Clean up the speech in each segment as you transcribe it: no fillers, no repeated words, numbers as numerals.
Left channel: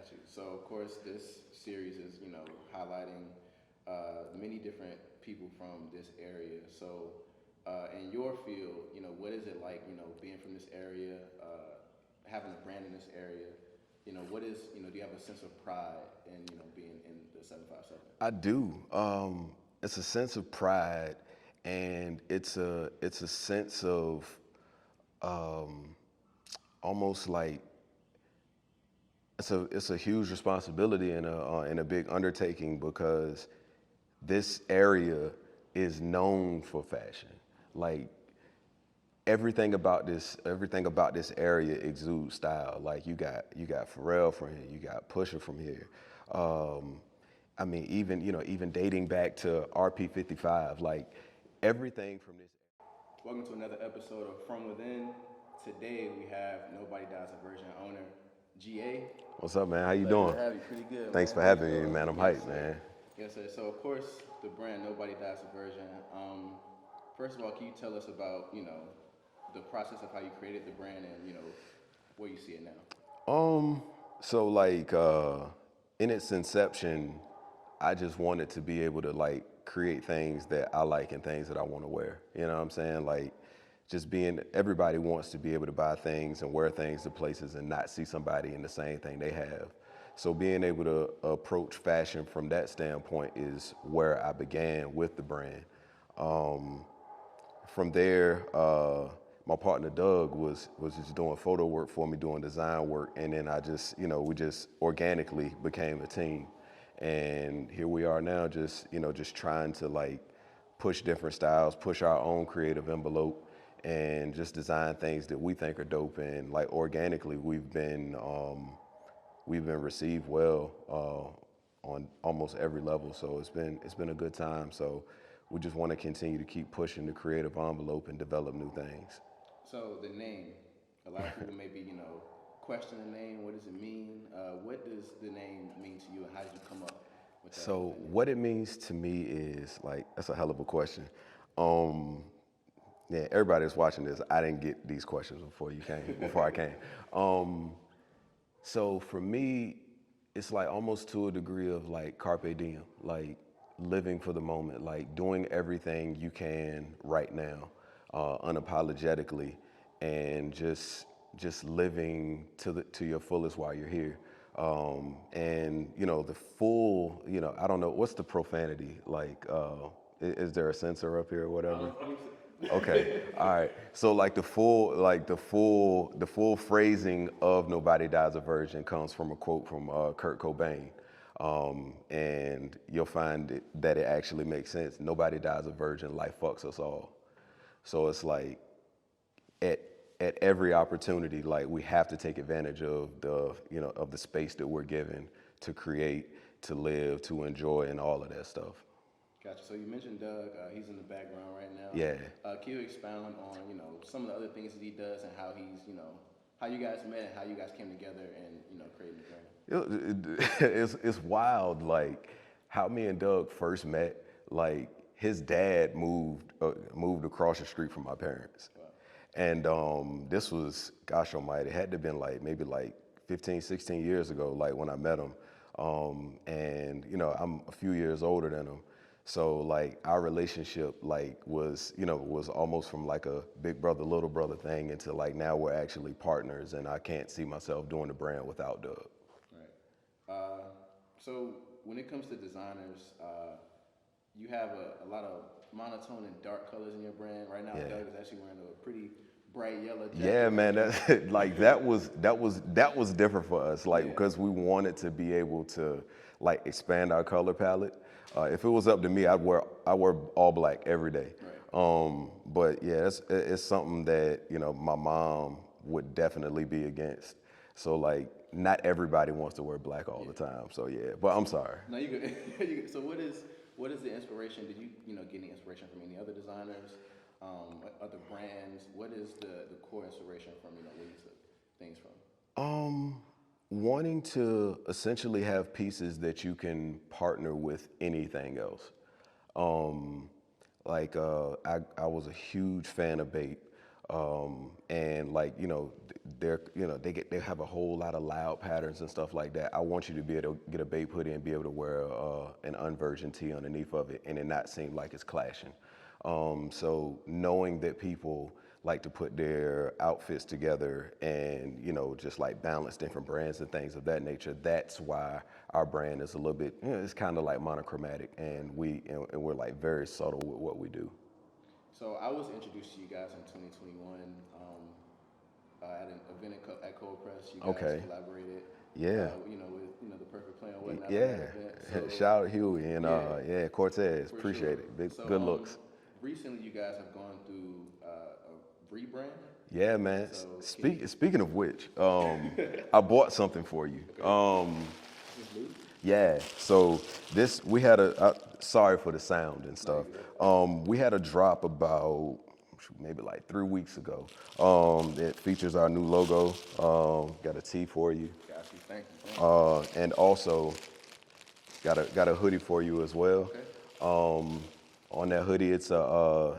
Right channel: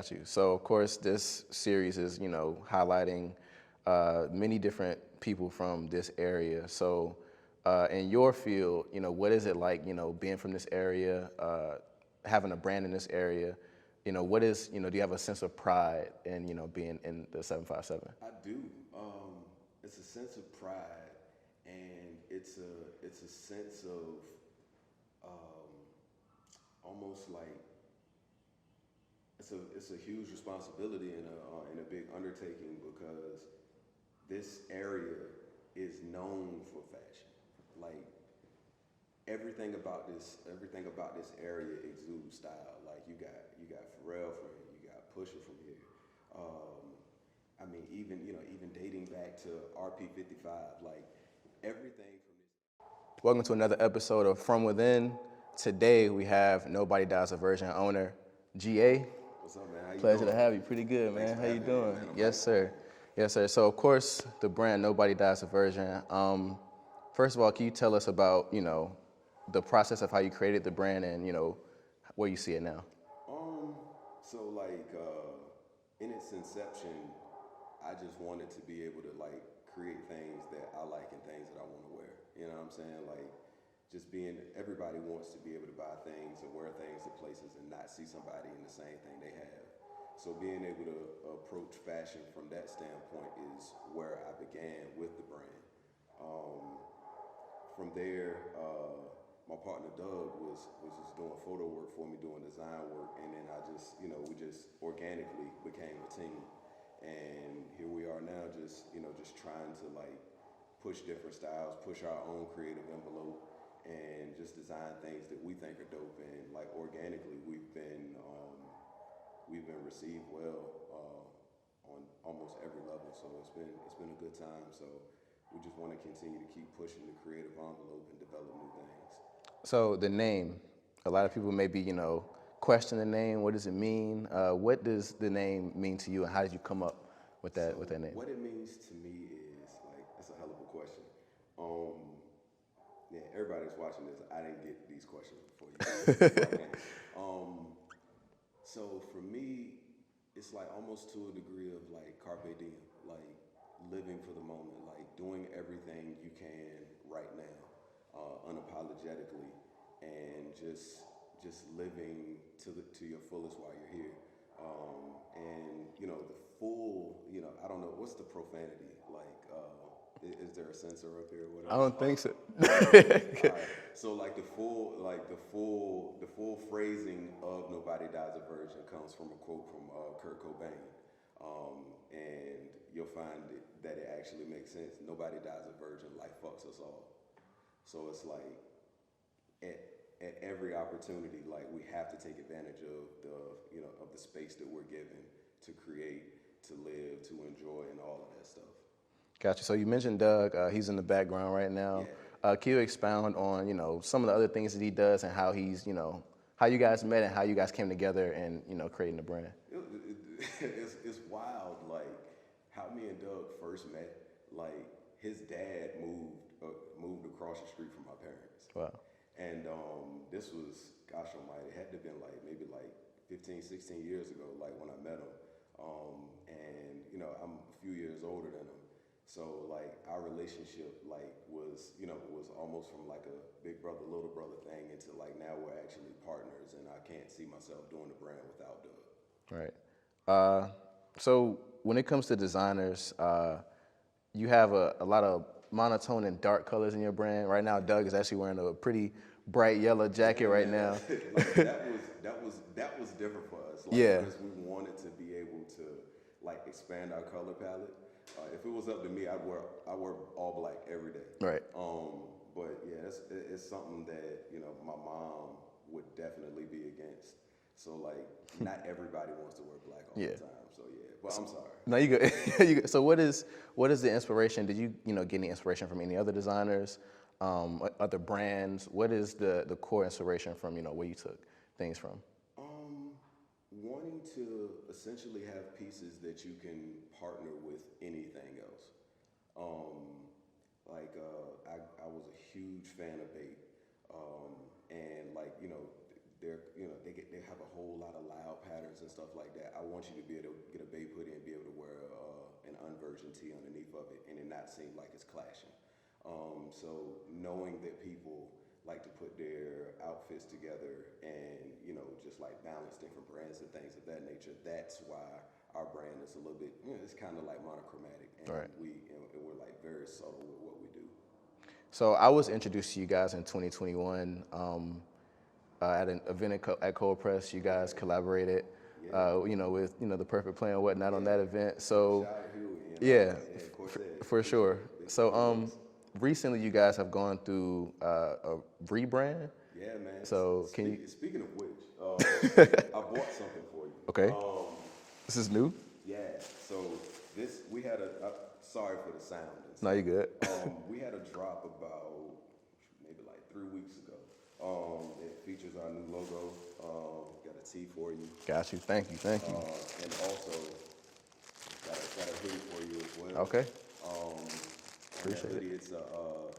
Got you. So of course this series is, highlighting many different people from this area. So in your field, what is it like, being from this area, having a brand in this area? What is, do you have a sense of pride in, being in the 757? I do. It's a sense of pride, and it's a sense of almost like it's a huge responsibility and a big undertaking, because this area is known for fashion. Like everything about this area exudes style. Like you got Pharrell from here, you got Pusha from here. I mean, even dating back to RP55, like everything from this. Welcome to another episode of From Within. Today we have Nobody Dies a Virgin owner, GA. What's up, man? How you Pleasure doing? to have you. Pretty good, Thanks man. for How you having me, doing? man. I'm Yes, hyped, sir. man. Yes, sir. So of course the brand Nobody Dies a Virgin. First of all, can you tell us about, the process of how you created the brand and, where you see it now? So like in its inception, I just wanted to be able to like create things that I like and things that I want to wear. You know what I'm saying? Like everybody wants to be able to buy things and wear things to places and not see somebody in the same thing they have. So being able to approach fashion from that standpoint is where I began with the brand. From there, my partner Doug was just doing photo work for me, doing design work, and then we just organically became a team. And here we are now, just trying to like push different styles, push our own creative envelope, and just design things that we think are dope. And like organically, we've been received well on almost every level. So it's been a good time. So we just want to continue to keep pushing the creative envelope and develop new things. So the name, a lot of people maybe, question the name. What does it mean? What does the name mean to you, and how did you come up with that, So with that name? what it means to me is like, that's a hell of a question. Yeah, everybody that's watching this, I didn't get these questions before I came. So for me, it's like almost to a degree of like carpe diem, like living for the moment, like doing everything you can right now, unapologetically, and just living to your fullest while you're here. And the full, I don't know, what's the profanity like? Is there a censor up here or whatever? I don't think so. Okay. All right. So like the full phrasing of "Nobody Dies a Virgin" comes from a quote from Kurt Cobain, and you'll find that it actually makes sense. Nobody dies a virgin. Life fucks us all. So it's like at every opportunity, like we have to take advantage of the space that we're given to create, to live, to enjoy, and all of that stuff. Gotcha. So you mentioned Doug. He's in the background right now. Yeah. Can you expound on, some of the other things that he does and how he's, how you guys met and how you guys came together and, creating the brand? It's wild, like how me and Doug first met. Like his dad moved across the street from my parents. Wow. And this was, gosh almighty, it had to have been like maybe like 15, 16 years ago, like when I met him. And I'm a few years older than him. So like our relationship was almost from like a big brother, little brother thing into like now we're actually partners, and I can't see myself doing the brand without Doug. Right. So when it comes to designers, you have a lot of monotone and dark colors in your brand. Right now, yeah. Doug is actually wearing a pretty bright yellow jacket right now. Like that was different for us. Like because we wanted to be able to like expand our color palette. If it was up to me, I wear all black every day. Right. But yeah, it's something that my mom would definitely be against. So like, not everybody wants to wear black all the time. So yeah, but I'm sorry. No, you good. So what is the inspiration? Did you get any inspiration from any other designers, other brands? What is the core inspiration from where you took things from? Wanting to essentially have pieces that you can partner with anything else. I was a huge fan of Bape, and like they have a whole lot of loud patterns and stuff like that. I want you to be able to get a babe hoodie and be able to wear an unvirgin tee underneath of it and it not seem like it's clashing. So knowing that people like to put their outfits together and, just like balance different brands and things of that nature, that's why our brand is a little bit, it's kind of like monochromatic, and we're like very subtle with what we do. So I was introduced to you guys in 2021 at an event at Cold Press. You guys collaborated. Yeah. With the Perfect Plan and whatnot on that event. So shout out Huey and Cortez. For Appreciate sure. It. Good So looks. recently you guys have gone through a rebrand. Yeah, man. So speaking of which, I bought something for you. Okay. This is new. Yeah. So we had sorry for the sound and stuff. No, you're good. We had a drop about maybe like 3 weeks ago. It features our new logo. Got a tee for you. Got you. Thank you. And also got a hoodie for you as well. Okay. On that hoodie, it's a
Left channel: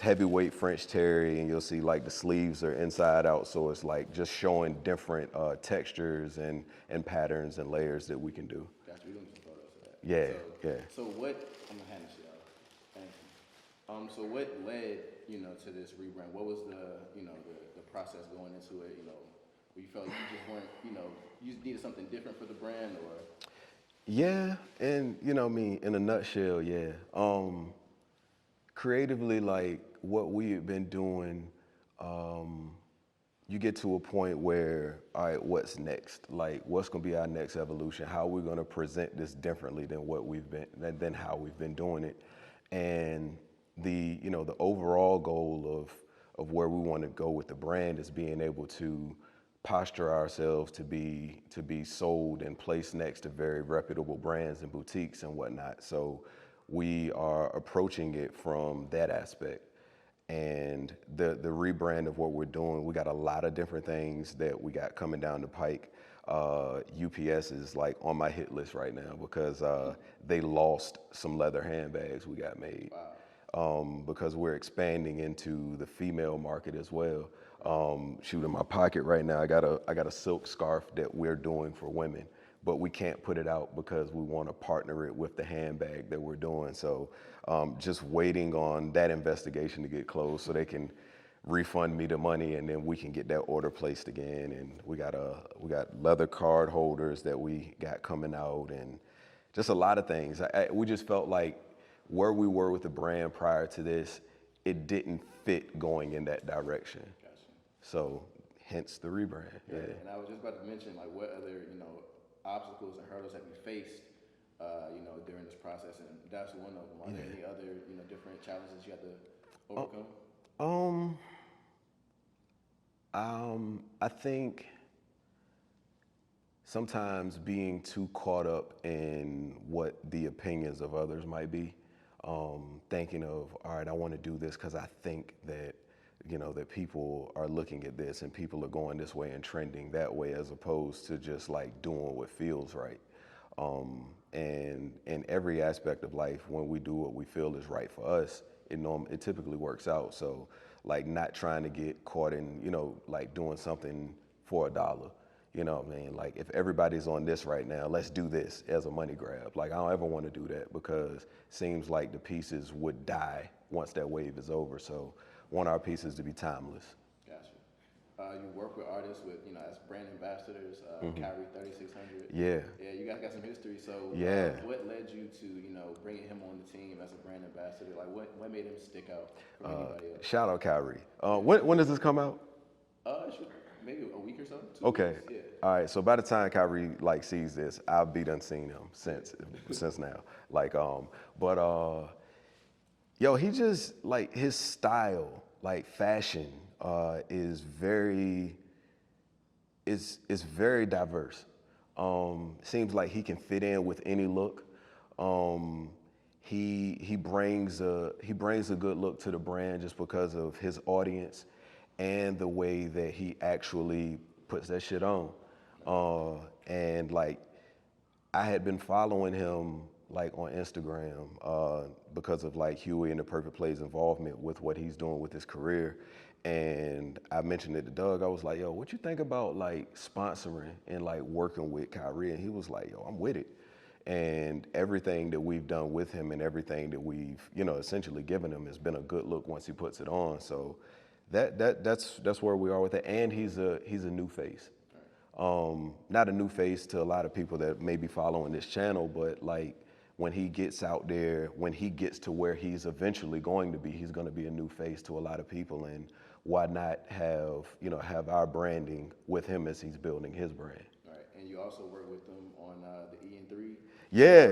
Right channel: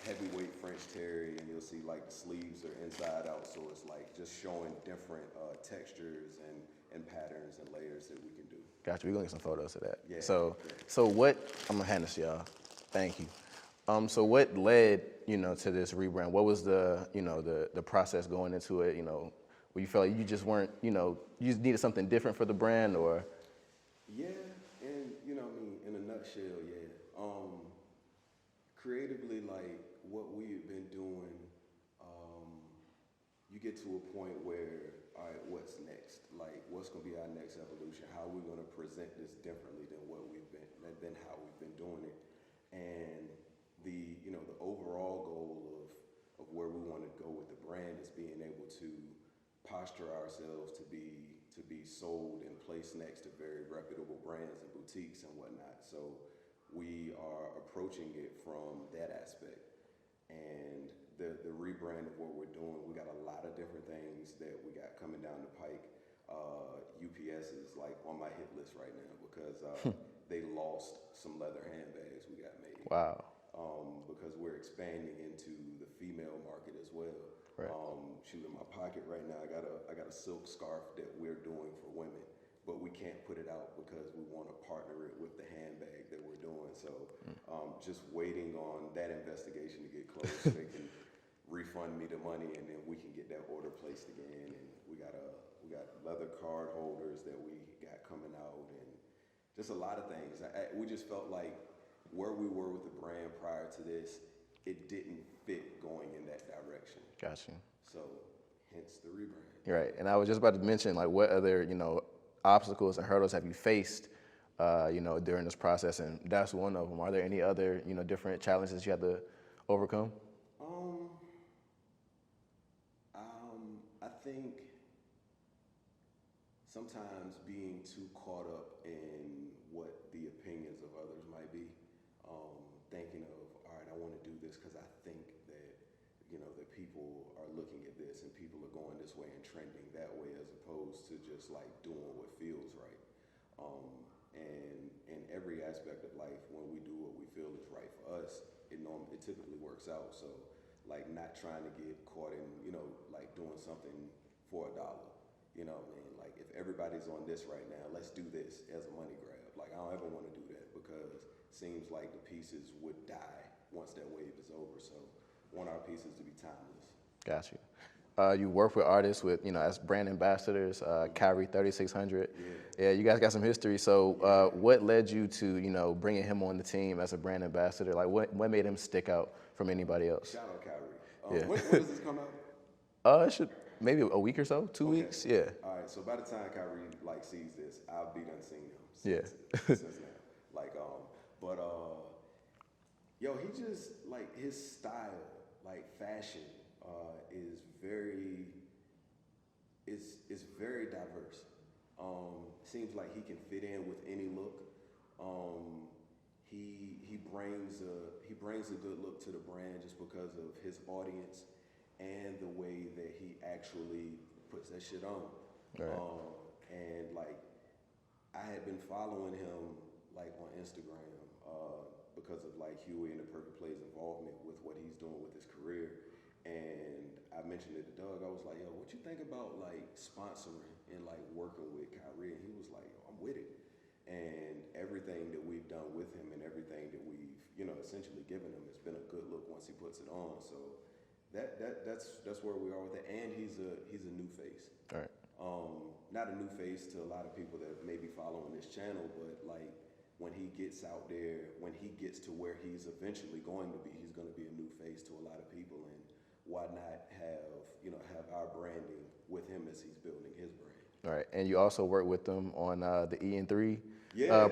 heavyweight French terry, and you'll see like the sleeves are inside out, so it's like just showing different textures and patterns and layers that we can do. Gotcha. We're gonna get some photos of that. Yeah. So what? I'm gonna hand this to y'all. Thank you. So what led to this rebrand? What was the process going into it? Where you felt like you just weren't you just needed something different for the brand, or? Yeah, and in a nutshell, yeah. Creatively, like what we've been doing, you get to a point where, all right, what's next? Like, what's gonna be our next evolution? How are we gonna present this differently than than how we've been doing it? And the overall goal of where we want to go with the brand is being able to posture ourselves to be sold and placed next to very reputable brands and boutiques and whatnot. So we are approaching it from that aspect. And the rebrand of what we're doing, we got a lot of different things that we got coming down the pike. UPS is like on my hit list right now because they lost some leather handbags we got made. Wow. Because we're expanding into the female market as well. Right. Shoot, in my pocket right now, I got a silk scarf that we're doing for women, but we can't put it out because we want to partner it with the handbag that we're doing. So just waiting on that investigation to get closed so they can refund me the money, and then we can get that order placed again. And we got leather card holders that we got coming out, and just a lot of things. We just felt like where we were with the brand prior to this, it didn't fit going in that direction. Gotcha. So hence the rebrand. Right. And I was just about to mention, like, what other, obstacles and hurdles have you faced, during this process? And that's one of them. Are there any other, different challenges you had to overcome? I think sometimes being too caught up in what the opinions of others might be, thinking of, all right, I want to do this because I think that, that people are looking at this and people are going this way and trending that way, as opposed to just like doing what feels right. And in every aspect of life, when we do what we feel is right for us, it typically works out. So like not trying to get caught in, like doing something for $1. You know what I mean? Like if everybody's on this right now, let's do this as a money grab. Like I don't ever want to do that because it seems like the pieces would die once that wave is over. So want our pieces to be timeless. Got you. You work with artists as brand ambassadors, Kyrie 3600. Yeah. Yeah, you guys got some history. So what led you to, bringing him on the team as a brand ambassador? Like what made him stick out from anybody else? Shout out Kyrie. When does this come out? It should maybe a week or so, 2 weeks. Yeah. All right. So by the time Kyrie sees this, I'll be done seeing him since now. Like he just like his style, like fashion, is very diverse. Seems like he can fit in with any look. He brings a good look to the brand just because of his audience and the way that he actually puts that shit on. Right. And like I had been following him like on Instagram because of like Huey and the Perfect Play's involvement with what he's doing with his career. And I mentioned it to Doug. I was like, yo, what you think about like sponsoring and like working with Kyrie? And he was like, yo, I'm with it. And everything that we've done with him and everything that we've, essentially given him has been a good look once he puts it on. So that's where we are with it. And he's a new face. All right. Not a new face to a lot of people that may be following this channel, but like when he gets out there, when he gets to where he's eventually going to be, he's going to be a new face to a lot of people. And why not have our branding with him as he's building his brand? All right, and you also worked with them on the E&3 Yeah.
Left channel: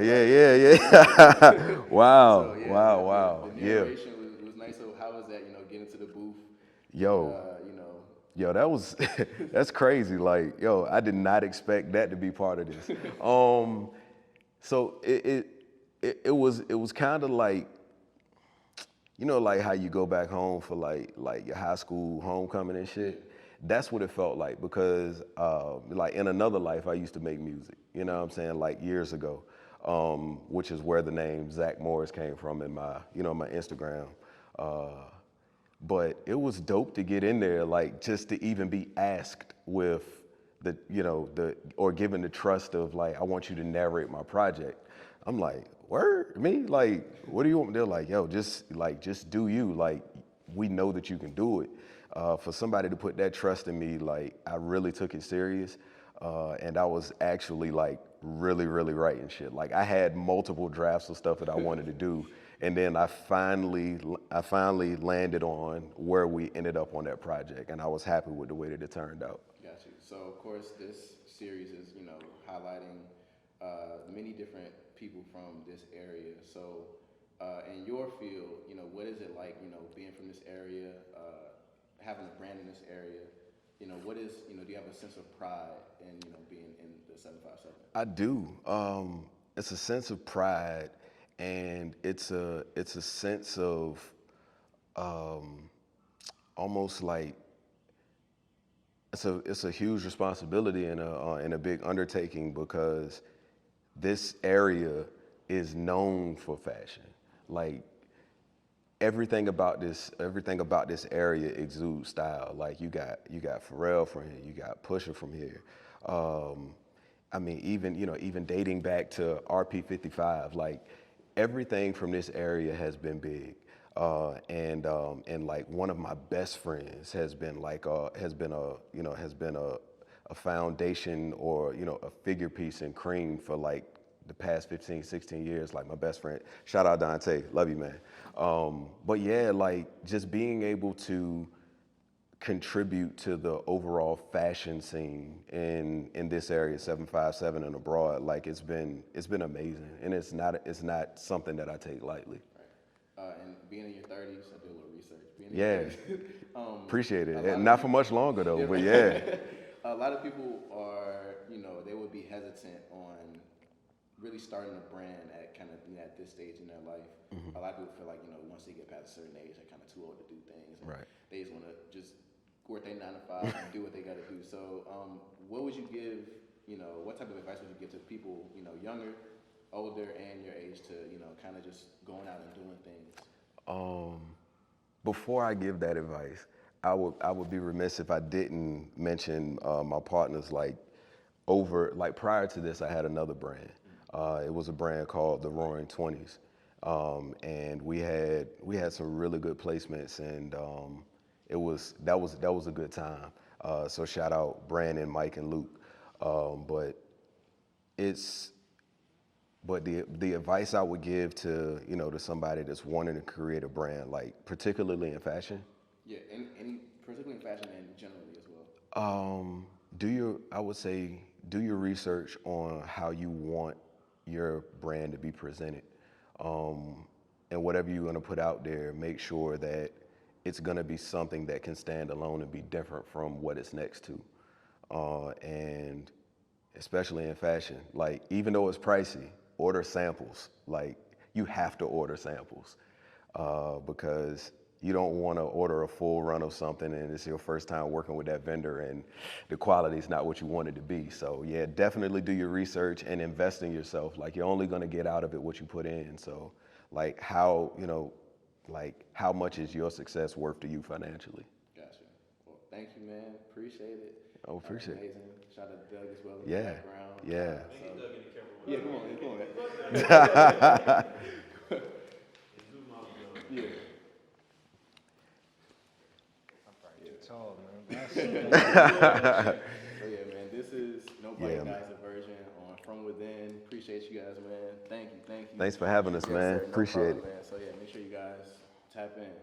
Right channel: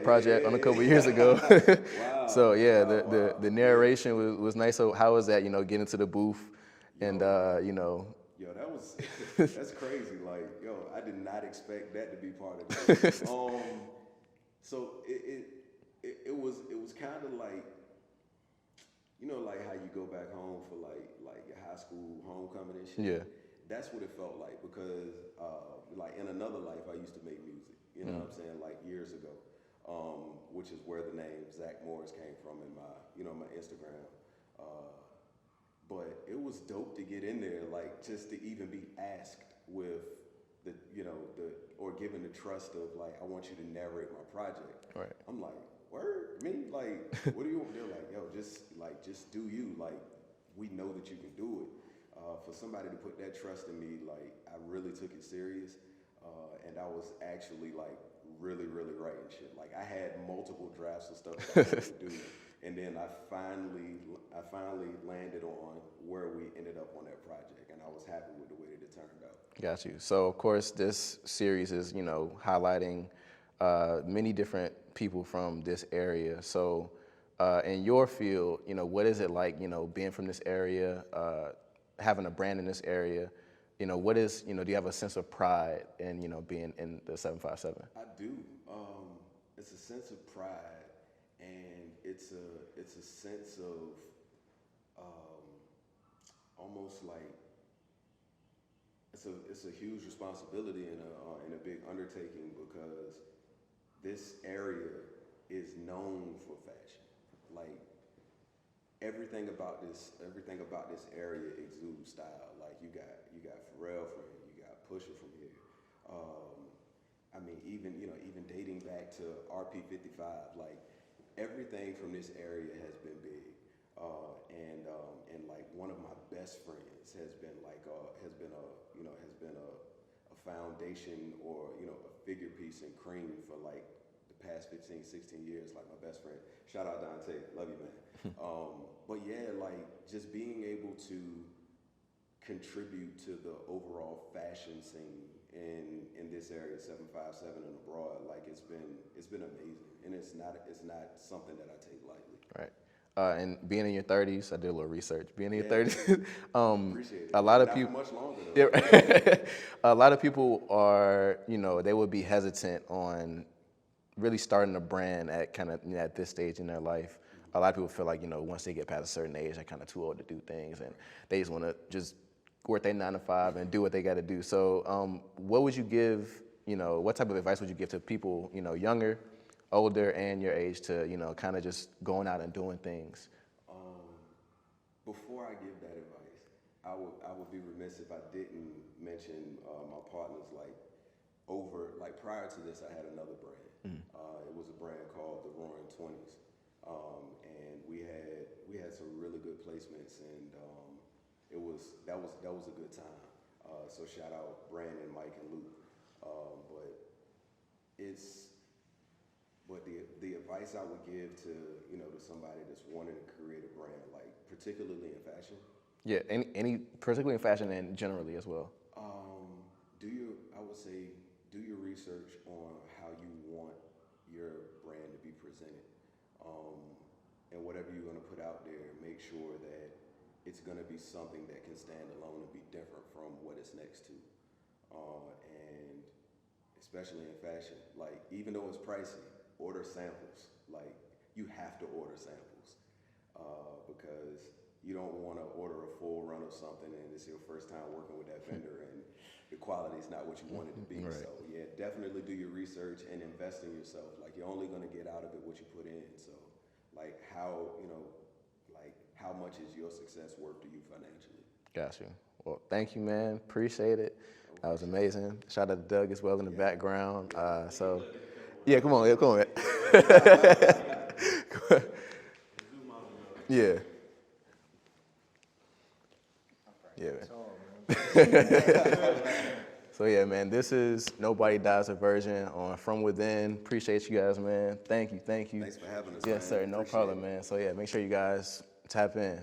Wow. So yeah, wow. the narration was nice. So how was that? Getting to the booth, and Yo, that's crazy. Like, yo, I did not expect that to be part of this. So it was kind of like, like how you go back home for like your high school homecoming and shit. Yeah. That's what it felt like because like in another life, I used to make music. You know what I'm saying? Like years ago, which is where the name Zach Morris came from in my my Instagram. But it was dope to get in there, like just to even be asked with or given the trust of like, I want you to narrate my project. Right. I'm like, word? Me? Like, what do you want? They're like, yo, just do you. Like, we know that you can do it. For somebody to put that trust in me, like, I really took it serious. And I was actually like really, really writing shit. Like I had multiple drafts of stuff that I wanted to do. And then I finally landed on where we ended up on that project, and I was happy with the way that it turned out. Got you. So of course, this series is highlighting many different people from this area. So in your field, what is it like, being from this area, having a brand in this area? What is, do you have a sense of pride in being in the 757? I do. It's a sense of pride. And it's a sense of almost like it's a huge responsibility and a big undertaking because this area is known for fashion. Like everything about this area exudes style. Like you got Pharrell from here, you got Pusha from here. I mean, even dating back to RP55, like. Everything from this area has been big, and like one of my best friends has been a foundation or a figure piece in Cream for like the past 15, 16 years. Like my best friend, shout out Dante, love you, man. But yeah, like just being able to contribute to the overall fashion scene in this area, 757 and abroad, like it's been amazing, and it's not something that I take lightly. Right. And being in your 30s, I did a little research. Being in your 30s, appreciate it. A lot of not people, for much longer though. Yeah, but yeah. A lot of people are, they would be hesitant on really starting a brand at kind of at this stage in their life. Mm-hmm. A lot of people feel like once they get past a certain age, they're kind of too old to do things, and they just want to just work their 9 to 5 and do what they got to do. So what would you give, what type of advice would you give to people, younger, older, and your age to, kind of just going out and doing things? Before I give that advice, I would be remiss if I didn't mention my partners. Like prior to this, I had another brand. Mm-hmm. It was a brand called the Roaring 20s. And we had some really good placements, and that was a good time. So shout out Brandon, Mike, and Luke. But the advice I would give to to somebody that's wanting to create a brand, like particularly in fashion. Yeah, any particularly in fashion and generally as well. I would say do your research on how you want your brand to be presented, and whatever you're going to put out there, make sure that it's going to be something that can stand alone and be different from what it's next to. And especially in fashion, like even though it's pricey, order samples. Like you have to order samples because you don't want to order a full run of something and it's your first time working with that vendor and the quality is not what you want it to be. Right. So yeah, definitely do your research and invest in yourself. Like you're only going to get out of it what you put in. So like how much is your success worth to you financially? Got you. Well, thank you, man. Appreciate it. Oh, That was appreciate it. amazing. Shout out to Doug as well in the Yeah. background. Yeah. Yeah, come on, come on. Man. Yeah. Yeah, man. So yeah, man, this is Nobody Dies a Virgin on From Within. Appreciate you guys, man. Thank you. Thanks for having us, Yes, man. sir. No Appreciate problem, it. man. So yeah, make sure you guys tap in.